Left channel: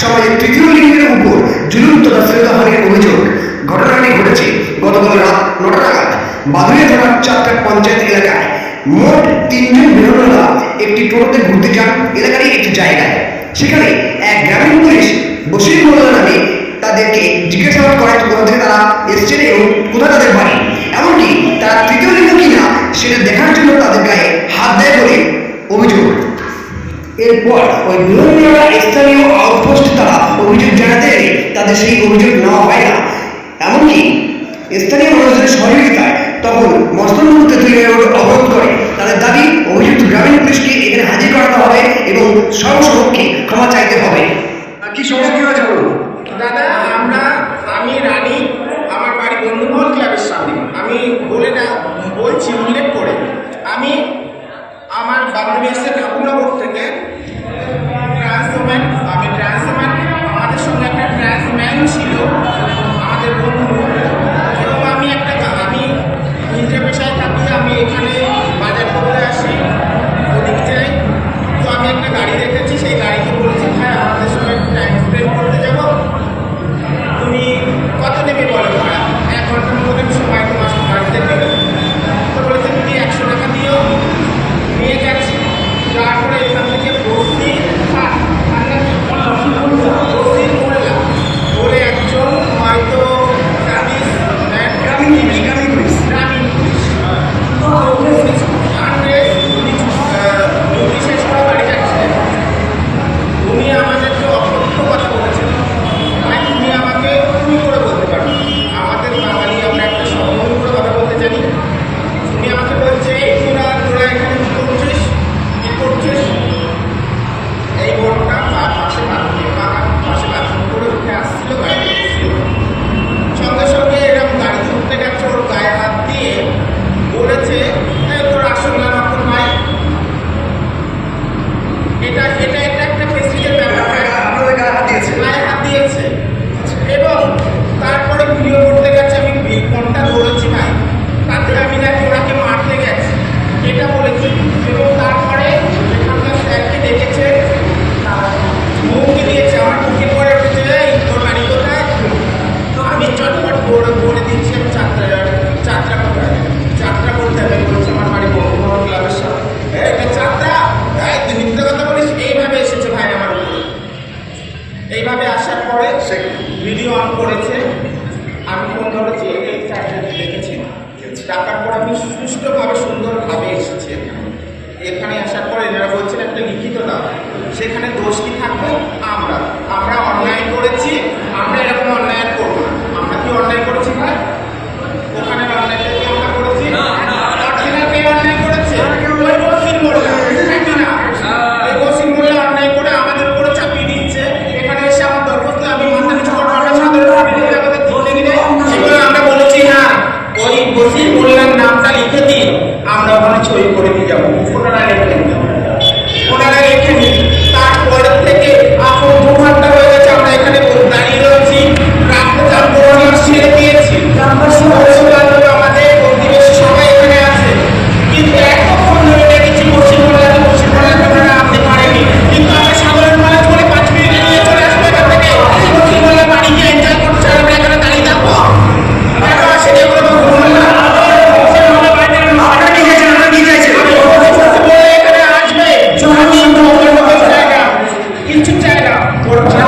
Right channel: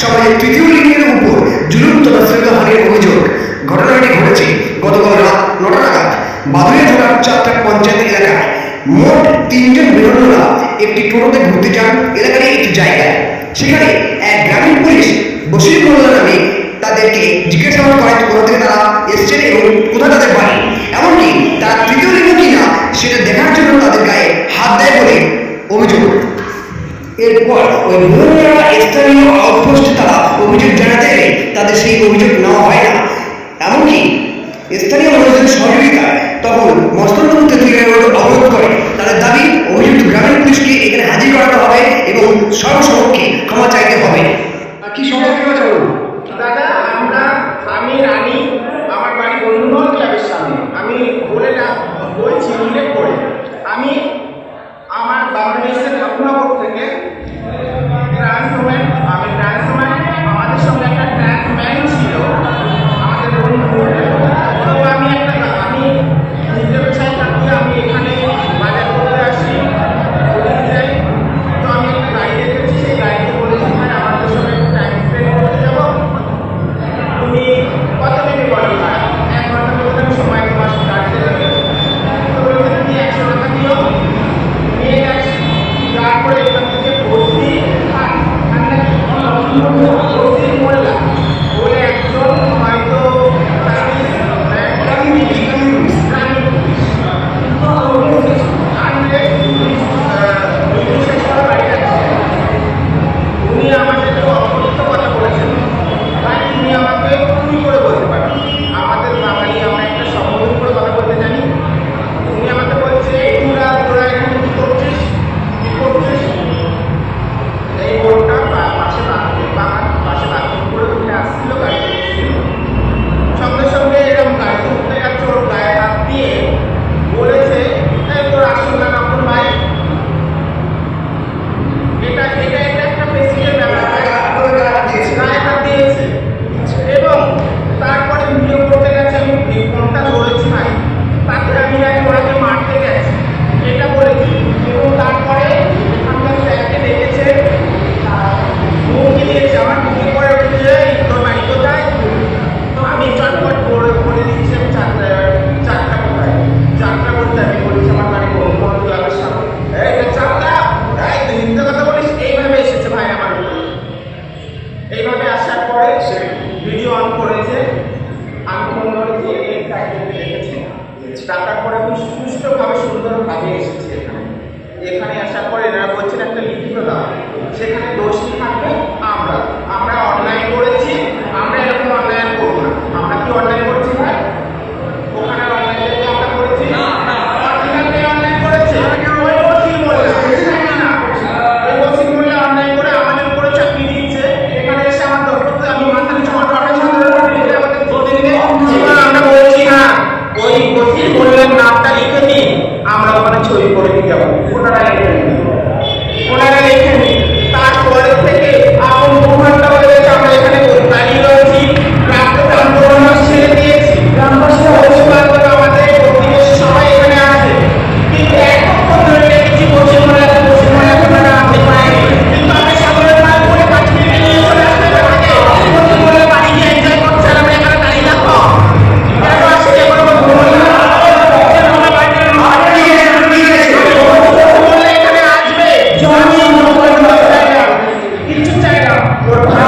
সমাজের তৃতীয় লিঙ্গের উপর জুলুম তথা অভিযোগ। ঘটনাটি ঘটেছে গতকাল রাত নটা নাগাদ বাদুড়িয়া থানার চারটা পঞ্চায়েত এলাকায়। মোট তিনজন বিধন্নরা একটি টোটোতে ঘুরতে যান এলাকারই একটি জায়গায়। সেখানে এক গ্রামীণ পুলিশ বসির মোল্লা নামে তাদেরকে জিজ্ঞাসাবাদ করেন কোথা থেকে তারা এসছেন এবং কোথায় তাদের বাড়ি। এমনকি তারা তৃতীয় লিঙ্গ কিনা সেটা দেখার জন্য তাদের গায়ে হাত দেয় বলে অভিযোগ। এরপর ওই বিভিন্ন স্থানীয় আউটপোস্টে তারা অভিযোগ জানাতে এলে তাদের সেই অভিযোগ নেওয়া হয় না। এমনকি স্থানীয় মানুষদের সহযোগিতায় তখন মস্তন্দপুর তেঁতুলিয়া রোড অবরোধ করে। তাদের দাবি অভিযুক্ত গ্রামীণ পুলিশকে এখানে হাজির করাতে হবে এবং সর্বসমক্ষে ক্ষমা চাইতে হবে। কি সময় কি হয়েছে বলুন? দাদা আমরা আমি রানী আমার বাড়ি বন্ধুমহল ক্লাবের সামনে। আমি আসার পরে সে ভিডিও অন করেছে। আমি ফোন ধরেছি এই স্যারকে দেখেছি। ডাকার পরে আমি সুষ্ঠুভাবে সুন্দরভাবে এসেছি এখানে। এখানে আসার পরে এনারা বলছেন একটা লিখিত দাম সেখানে দোষ কি থাকবে? আমরা। আমরা অনলাইন করেছি আমরা এরকম অনলাইন করব না। আমরা কি অনলাইন করছি ভাই? করছে